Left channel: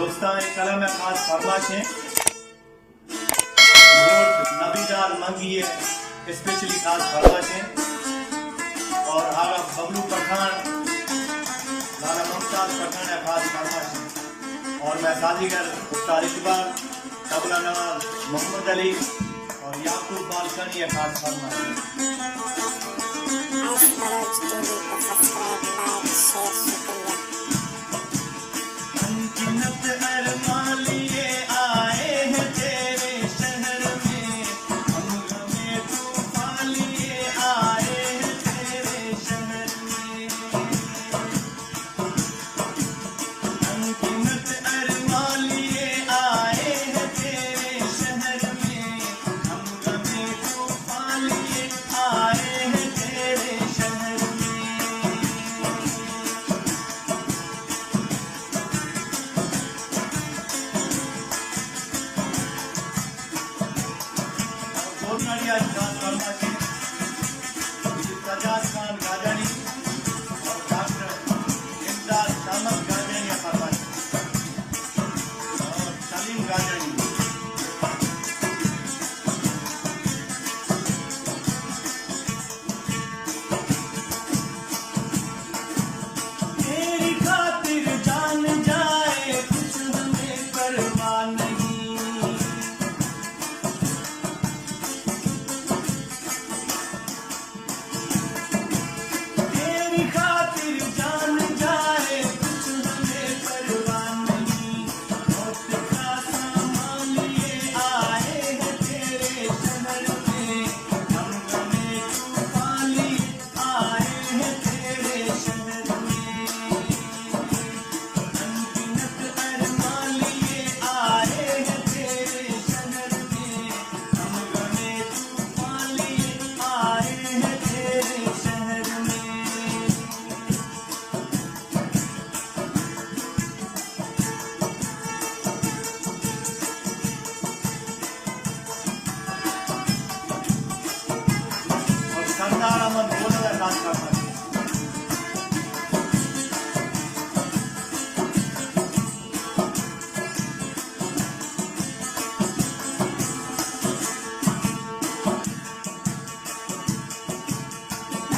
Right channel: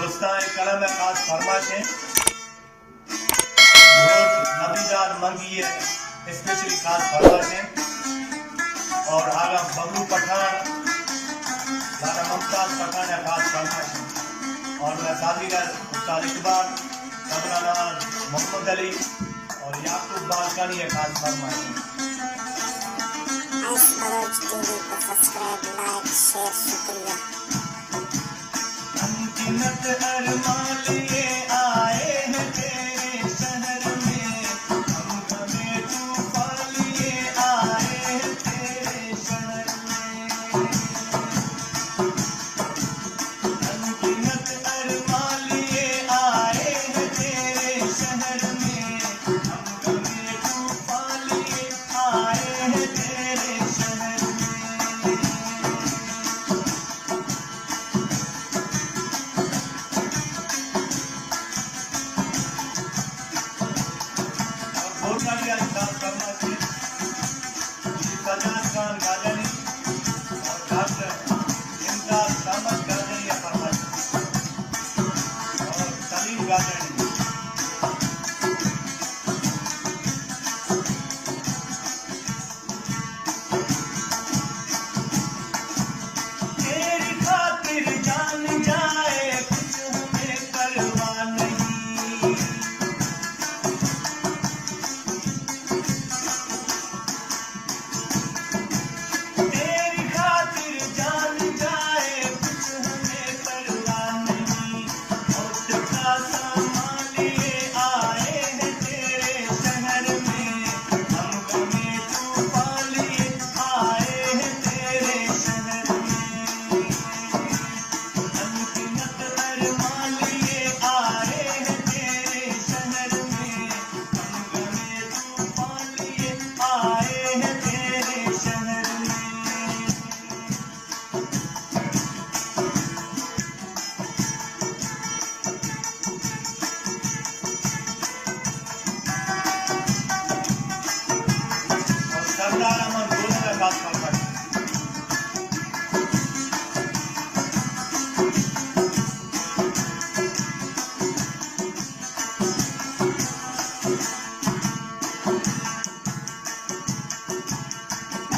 दोस्तान कलम खास फरमाश है नबीदार मंगी स्पेशली खास फरमाश है और आगा बबलू पठान दादा मुमताज पठान खास फरमाश है और मैं सादीगर उस्ताद इकबाल तबला नवाज मोहम्मद अली और याकूब बालकानी खास फरमाश है। सब्सक्राइब लाइक शेयर शुक्रिया। अनगिनत अरमान लिए आए हैं तेरे शहर में, हम गमे तूफान लिए आए हैं तेरे शहर में। अनगिनत अरमान लिए आए हैं तेरे शहर में, हम गमे तूफान लिए आए हैं तेरे शहर में। सजाद खान गाजनी और डॉक्टर इमदाद सामत गाजनी फरमाश और सलीम गाजनी। तेरी खातिर जान जाए कुछ हमें परवाह नहीं, तेरी खातिर जान जाए कुछ हमें परवाह नहीं। मौत का सामान लिए आए हैं तेरे शहर में, हम गमे तूफान लिए आए हैं तेरे शहर में। अनगिनत अरमान लिए आए हैं तेरे शहर में, हम गमे तूफान लिए आए हैं तेरे शहर में। और सरदार अमन दोनों का बात करता है।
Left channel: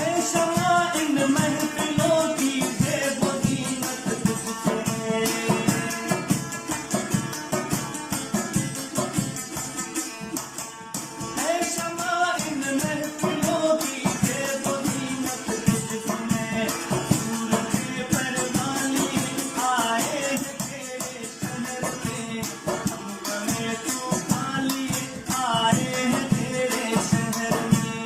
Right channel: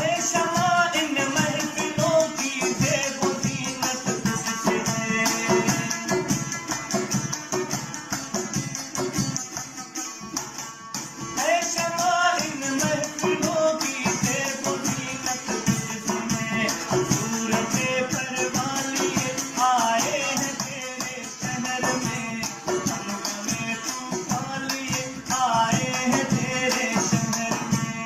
ऐ शमा इन महफिलों की ज़ेब व ज़ीनत तुझसे है। ऐ शमा इन महफिलों की ज़ेब व ज़ीनत तुझसे है। सूरते परवान लिए आए हैं तेरे शहर में, हम गमे तूफान लिए आए हैं तेरे शहर में।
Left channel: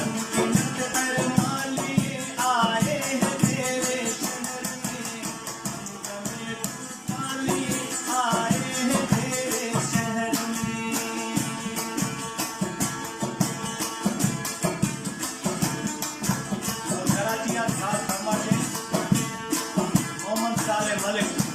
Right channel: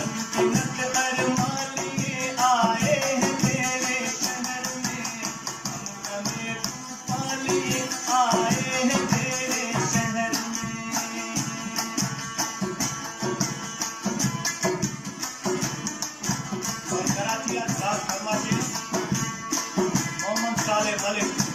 अनगिनत अरमान लिए आए हैं तेरे शहर में, हम गमे तूफान लिए आए हैं तेरे शहर में। और कराची का खास फरमाश है मोहम्मद साले मलिक।